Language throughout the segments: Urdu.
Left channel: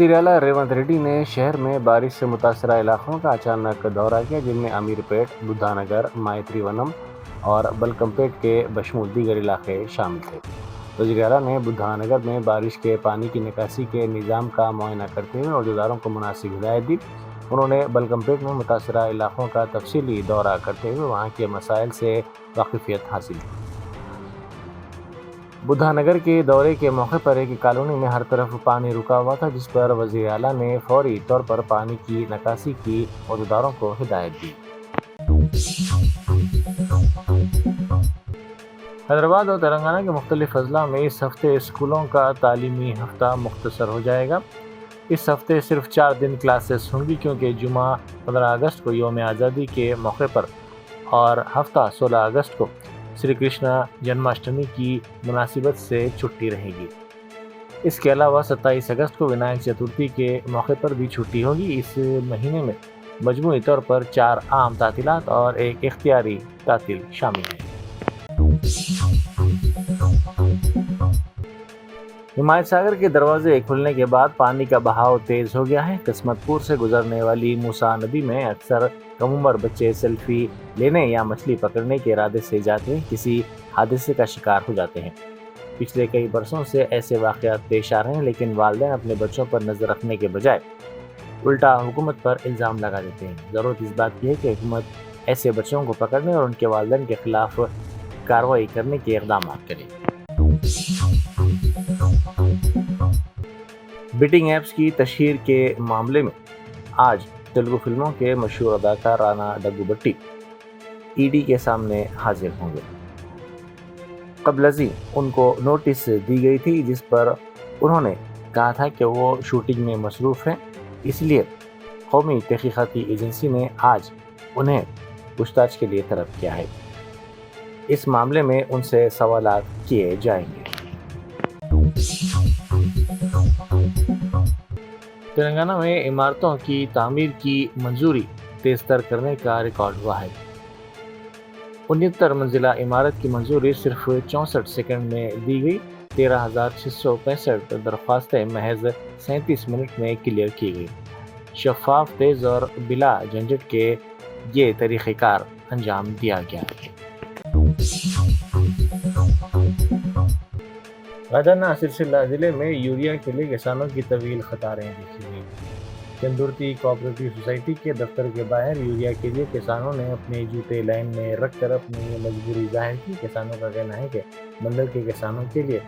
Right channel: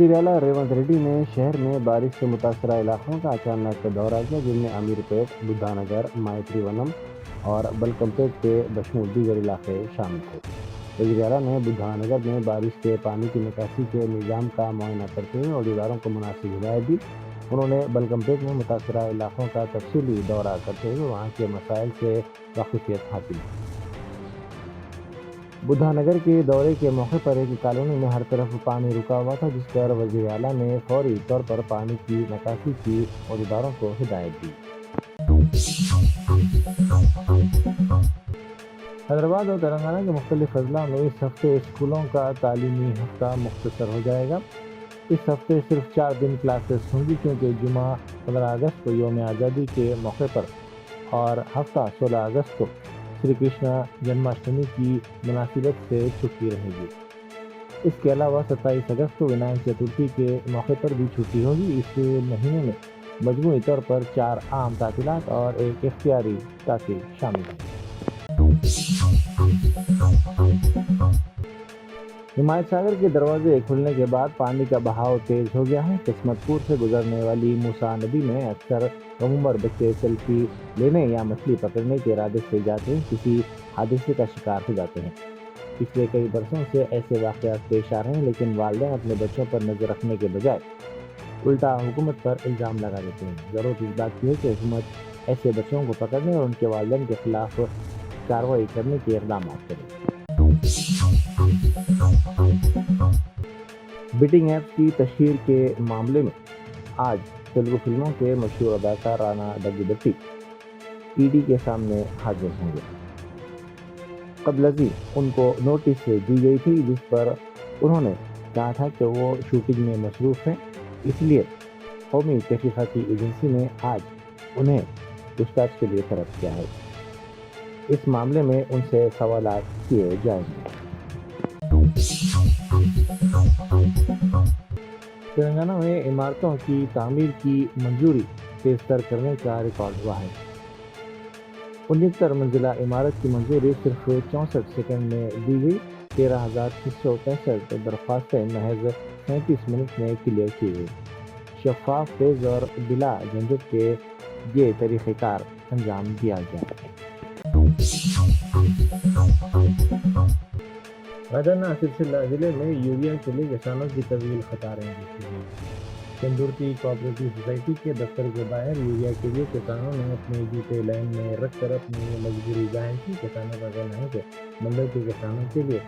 وزیر اعلیٰ ریونت ریڈی نے شہر میں بارش سے متاثرہ علاقوں کا اچانک دورہ کیا، جن میں امیر پیٹ، بدھا نگر، مائتری ونم اور بلکم پیٹ کے بشمول دیگر علاقے شامل تھے۔ وزیر اعلیٰ نے بدھا نگر میں بارش کے پانی کی نکاسی کے نظام کا معائنہ کرتے ہوئے عہدیداروں کو مناسب ہدایت دی۔ انہوں نے بلکم پیٹ میں متاثرہ علاقوں کا تفصیلی دورہ کرتے ہوئے وہاں کے مسائل سے واقفیت حاصل کی۔ بدھا نگر کے دورے کے موقع پر ایک کالونی میں ہر طرف پانی رکا ہوا تھا، جس پر وزیر اعلیٰ نے فوری طور پر پانی کی نکاسی کی عہدیداروں کو ہدایت دی۔ حیدرآباد اور تلنگانہ کے مختلف اضلاع میں اس ہفتے اسکولوں کا تعلیمی ہفتہ مختصر ہو جائے گا۔ اس ہفتے صرف 4 دن کلاسز ہوں گی، کیونکہ جمعہ 15 اگست کو یوم آزادی کے موقع پر اور ہفتہ 16 اگست کو شری کرشنا جنماشٹمی کی مناسبت سے چھٹی رہے گی۔ اس کے علاوہ 27 اگست کو ونائک چترتھی کے موقع پر بھی چھٹی ہوگی۔ اس مہینے میں مجموعی طور پر 4 عام تعطیلات اور ایک اختیاری تعطیل شامل ہیں۔ ہمایت ساگر کے دروازے کھلنے کے بعد پانی کا بہاؤ تیز ہو گیا ہے۔ قسمت پور سے گزرنے والی موسیٰ ندی میں اکثر کم عمر بچے سیلفی لینے یا مچھلی پکڑنے کے ارادے سے جاتے ہیں کسی حادثے کا شکار ہو جاتے ہیں۔ پچھلے کئی برسوں سے ایسے واقعات پیش آ رہے ہیں، لیکن والدین اپنے بچوں پر نظر رکھنے کے بجائے الٹا حکومت پر الزام لگا دیتے ہیں۔ ضرورت اس بات کی ہے کہ حکومت ایسے بچوں کو پکڑنے اور ان کے والدین کے خلاف کارروائی کرنے کے اقدامات کرے۔ بیٹنگ ایپس کی تشہیر کے معاملے میں آج تیلگو فلموں کے مشہور اداکار رانا ڈگو بٹی ای ڈی کے سامنے حاضر ہوں گے۔ قبل ازیں ان کو نوٹس دی گئی تھی، جس پر انہوں نے کہا تھا کہ وہ شوٹنگ میں مصروف ہیں، اس لیے قومی تحقیقاتی ایجنسی نے آج انہیں پوچھ تاچھ کے لیے طلب کیا ہے۔ اس معاملے میں ان سے سوالات کیے جائیں گے۔ تلنگانہ میں عمارتوں کی تعمیر کی منظوری تیز تر کرنے کا ریکارڈ ہوا ہے۔ 69 منزلہ عمارت کی منظوری صرف 64 سیکنڈ میں دی گئی۔ 13,665 درخواستیں محض 37 منٹ میں کلیئر کی گئی۔ شفاف، تیز اور بلا جھنجھٹ کے یہ طریقہ کار انجام دیا گیا۔ غدانہ سلسلہ ضلع میں یوریا کے لیے کسانوں کی طویل قطاریں دیکھی گئی۔ چندورتی کوآپریٹو سوسائٹی کے دفتر کے باہر یوریا کے لیے کسانوں نے اپنے جوتے لائن میں رکھ کر اپنی مجبوری ظاہر کی۔ کسانوں کا کہنا ہے کہ منڈل کے کسانوں کے لیے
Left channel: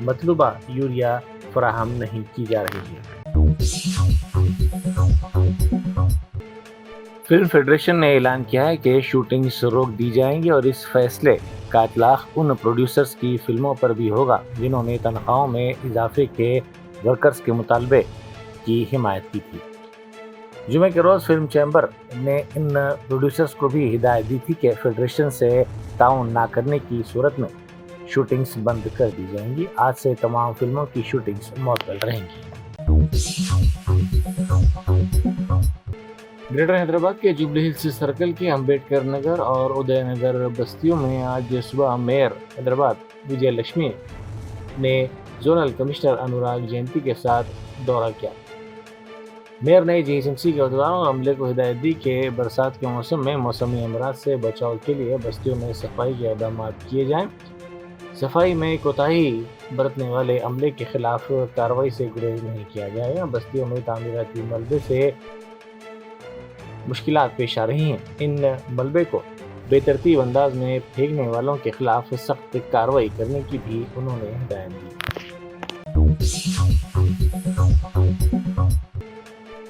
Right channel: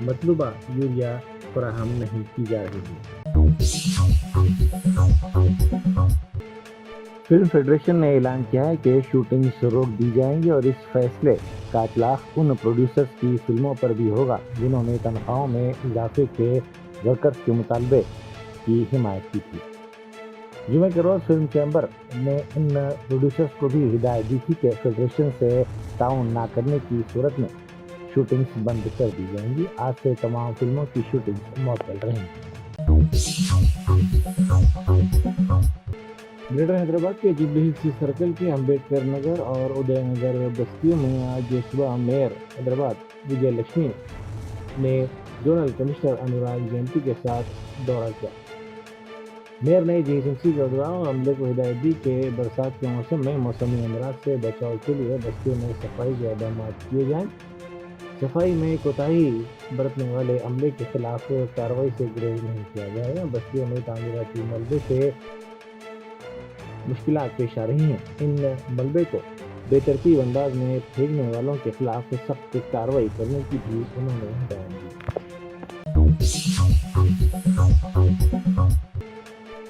مطلوبہ یوریا فراہم نہیں کی جا رہی ہے۔ فلم فیڈریشن نے اعلان کیا ہے کہ شوٹنگز روک دی جائیں گی اور اس فیصلے کا اطلاق ان پروڈیوسرز کی فلموں پر بھی ہوگا جنہوں نے تنخواہوں میں اضافے کے ورکرز کے مطالبے کی حمایت کی تھی۔ جمعے کے روز فلم چیمبر نے ان پروڈیوسرز کو بھی ہدایت دی تھی کہ فیڈریشن سے تعاون نہ کرنے کی صورت میں شوٹنگز بند کر دی جائیں گی۔ آج سے تمام فلموں کی شوٹنگز معطل رہیں گی۔ گریٹر حیدرآباد کے جوبلی ہلز سرکل کے امبیڈکر نگر اور ادے نگر بستیوں میں آج صبح میئر حیدرآباد وجے لکشمی نے زونل کمشنر انوراگ جینتی کے ساتھ دورہ کیا۔ میئر نے جی ایس ایم سی کے عہدیداروں اور عملے کو ہدایت دی کہ برسات کے موسم میں موسمی امراض سے بچاؤ کے لیے بستیوں میں صفائی کے اقدامات کیے جائیں۔ صفائی میں کوتاہی برتنے والے عملے کے خلاف کارروائی سے گریز نہیں کیا جائے گا۔ بستیوں میں تعمیراتی ملبے سے مشکلات پیش آ رہی ہیں۔ ان ملبے کو بے ترتیب انداز میں پھینکنے والوں کے خلاف سخت کارروائی کرنے کی بھی انہوں نے ہدایت دی۔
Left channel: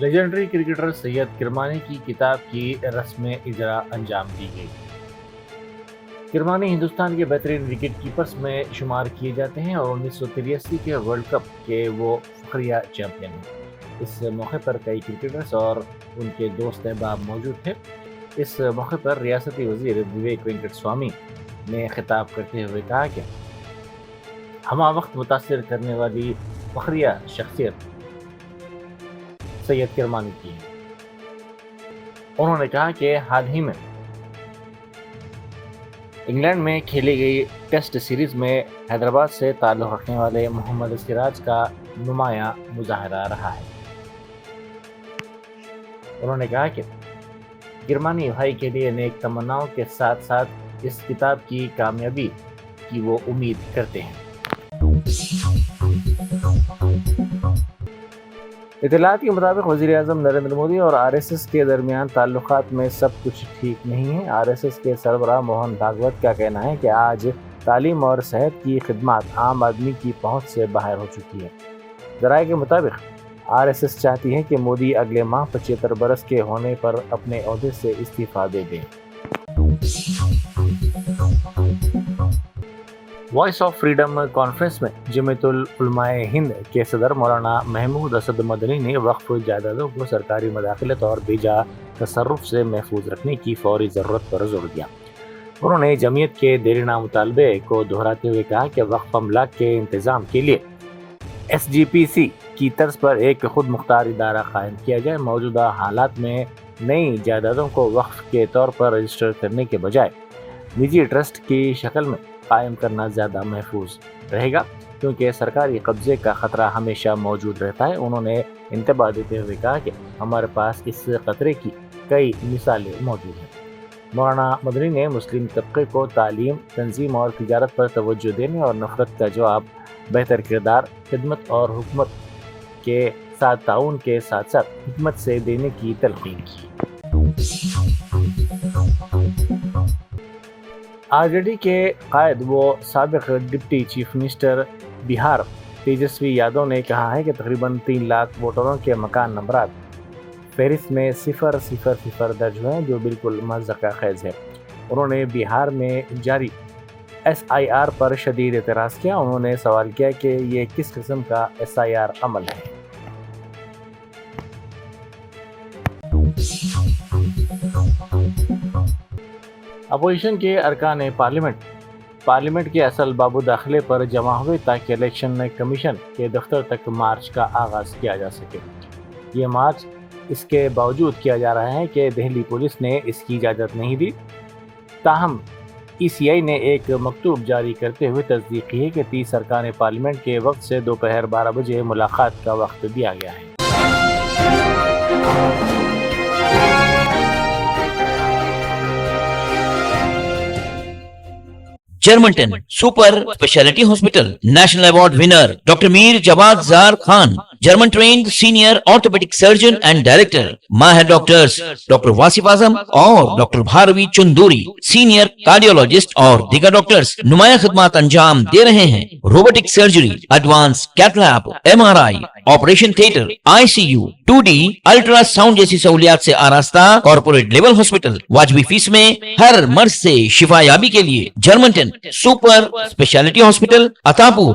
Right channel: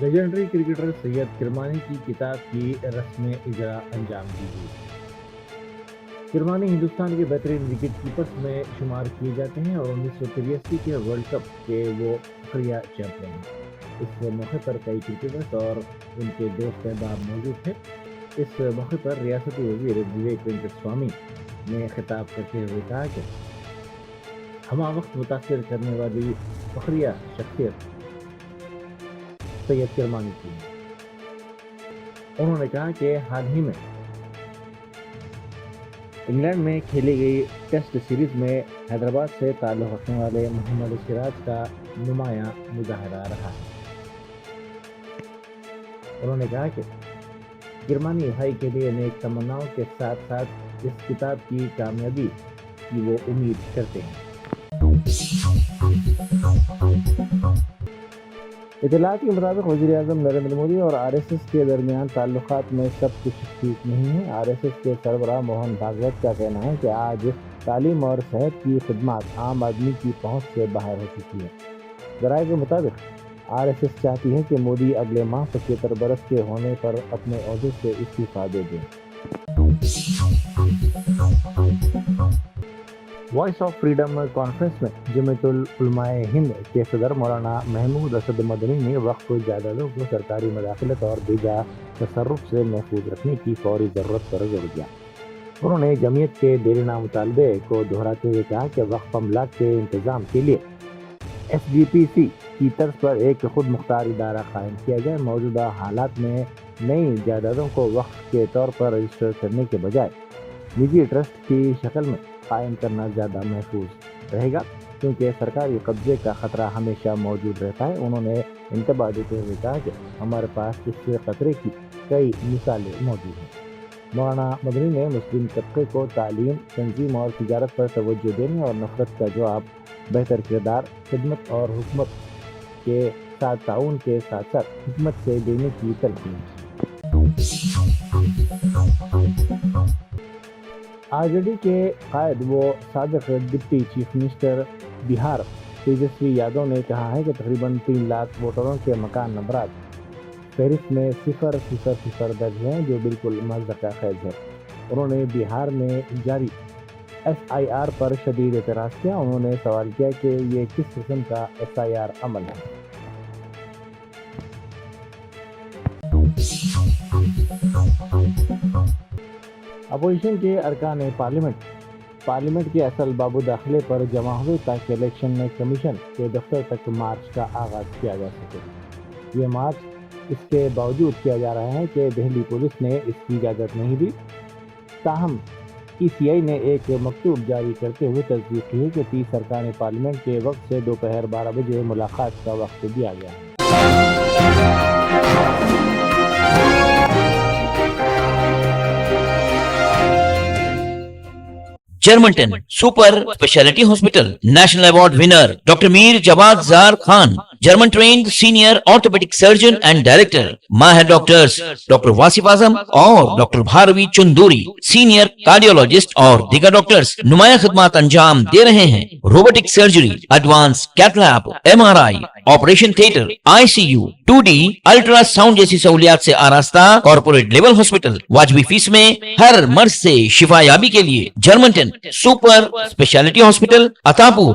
لیجنڈری کرکٹر سید کرمانی کی کتاب کی رسم اجرا انجام دی گئی۔ کرمانی ہندوستان کے بہترین وکٹ کیپرز میں شمار کیے جاتے ہیں اور 1983 کے ورلڈ کپ کے وہ فخریہ چیمپئن ہیں۔ اس موقع پر کئی کرکٹرز اور ان کے دوست احباب موجود تھے۔ اس موقع پر ریاستی وزیر وویک وینکٹ سوامی نے خطاب کرتے ہوئے کہا کہ ہمہ وقت متاثر کرنے والی فخریہ شخصیت سید کرمانی کی ہے۔ انہوں نے کہا کہ حال ہی میں انگلینڈ میں کھیلی گئی ٹیسٹ سیریز میں حیدرآباد سے تعلق رکھنے والے محمد سراج کا نمایاں مظاہرہ رہا ہے۔ انہوں نے کہا کہ جرمنی بھائی کے لیے نیک تمناؤں کے ساتھ ساتھ اس کتاب کی کامیابی کی وہ امید کرتے ہیں۔ اطلاعات کے مطابق وزیر اعظم نریندر مودی اور RSS کے درمیان تعلقات میں سب کچھ ٹھیک نہیں ہے۔ RSS کے سربراہ موہن بھاگوت کا کہنا ہے کہ آج تعلیم اور صحت کی خدمات عام آدمی کی پہنچ سے باہر ہو چکی ہے۔ ذرائع کے مطابق RSS چاہتی ہے کہ مودی اگلے ماہ 75 برس کے ہونے پر اپنے عہدے سے استعفیٰ دے دیں۔ وائس آف فریڈم کانفرنس میں جمعیت العلماء ہند کے صدر مولانا محمود اسد مدنی نے وقف جائیدادوں کو سرکاری مداخلت اور بیجا تصرف سے محفوظ رکھنے کی فوری ضرورت پر زور دیا۔ انہوں نے جمعیت کے دیرینہ مطالبے کو دہراتے ہوئے کہا کہ وقف املاک کے انتظام کے لیے SGPC کی طرز پر ایک خود مختار ادارہ قائم کیا جائے۔ موجودہ حالات میں نئی جائیدادوں کو وقف کے طور پر رجسٹر کرنے کے بجائے نجی ٹرسٹ کی شکل میں قائم کرنا زیادہ محفوظ رہے گا، کیونکہ سرکاری قبضے کا خطرہ ہمیشہ موجود رہتا ہے۔ انہوں نے انتباہ دیتے ہوئے کہا کہ ہمارے پاس اس خطرے کی کئی مثالیں موجود ہیں۔ مولانا مدنی نے مسلم طبقے کو تعلیم، تنظیم اور تجارت پر توجہ دینے اور نفرت کا جواب بہتر کردار، خدمت اور حکمت کے ساتھ تعاون کے ساتھ ساتھ حکمت سے دینے کی تلقین کی۔ RJD کے قائد و سابق ڈپٹی چیف منسٹر بہار تیجسوی یادو نے کہا ہے کہ تقریباً 3 لاکھ ووٹروں کے مکان نمبرات فہرست میں 000 درج ہیں، جو بالکل مضحکہ خیز ہے۔ انہوں نے بہار میں جاری SIR پر شدید اعتراض کیا۔ انہوں نے سوال کیا کہ یہ کس قسم کا SIR عمل ہے۔ اپوزیشن کے ارکان پارلیمنٹ کے اصل باب داخلے پر جمع ہوئے تاکہ الیکشن کمیشن کے دفتر تک مارچ کا آغاز کیا جا سکے۔ یہ مارچ اس کے باوجود کیا جا رہا ہے کہ دہلی پولیس نے اس کی اجازت نہیں دی۔ تاہم ECI نے ایک مکتوب جاری کرتے ہوئے تصدیق کی ہے کہ 30 ارکان پارلیمنٹ کے وقت سے دوپہر 12 بجے ملاقات کا وقت دیا گیا ہے۔ جرمنٹن super speciality hospital national award winner doctor Mir Jawad Zar Khan, German trained senior orthopaedic surgeon and director, ماہر ڈاکٹرز ڈاکٹر واصف اعظم اور doctor Bharavi Chanduri, senior cardiologist اور دیگر ڈاکٹرز نمایاں خدمات انجام دے رہے ہیں۔ Robotic surgery, advance cath lab, MRI، operation theatre, ICU، 2D ultrasound جیسی سہولیات سے آراستہ کارپوریٹ لیول ہاسپٹل، واجبی فیس میں ہر مرض سے شفا یابی کے لیے جرمنٹن سپر اسپیشلٹی ہاسپٹل، عطاپور۔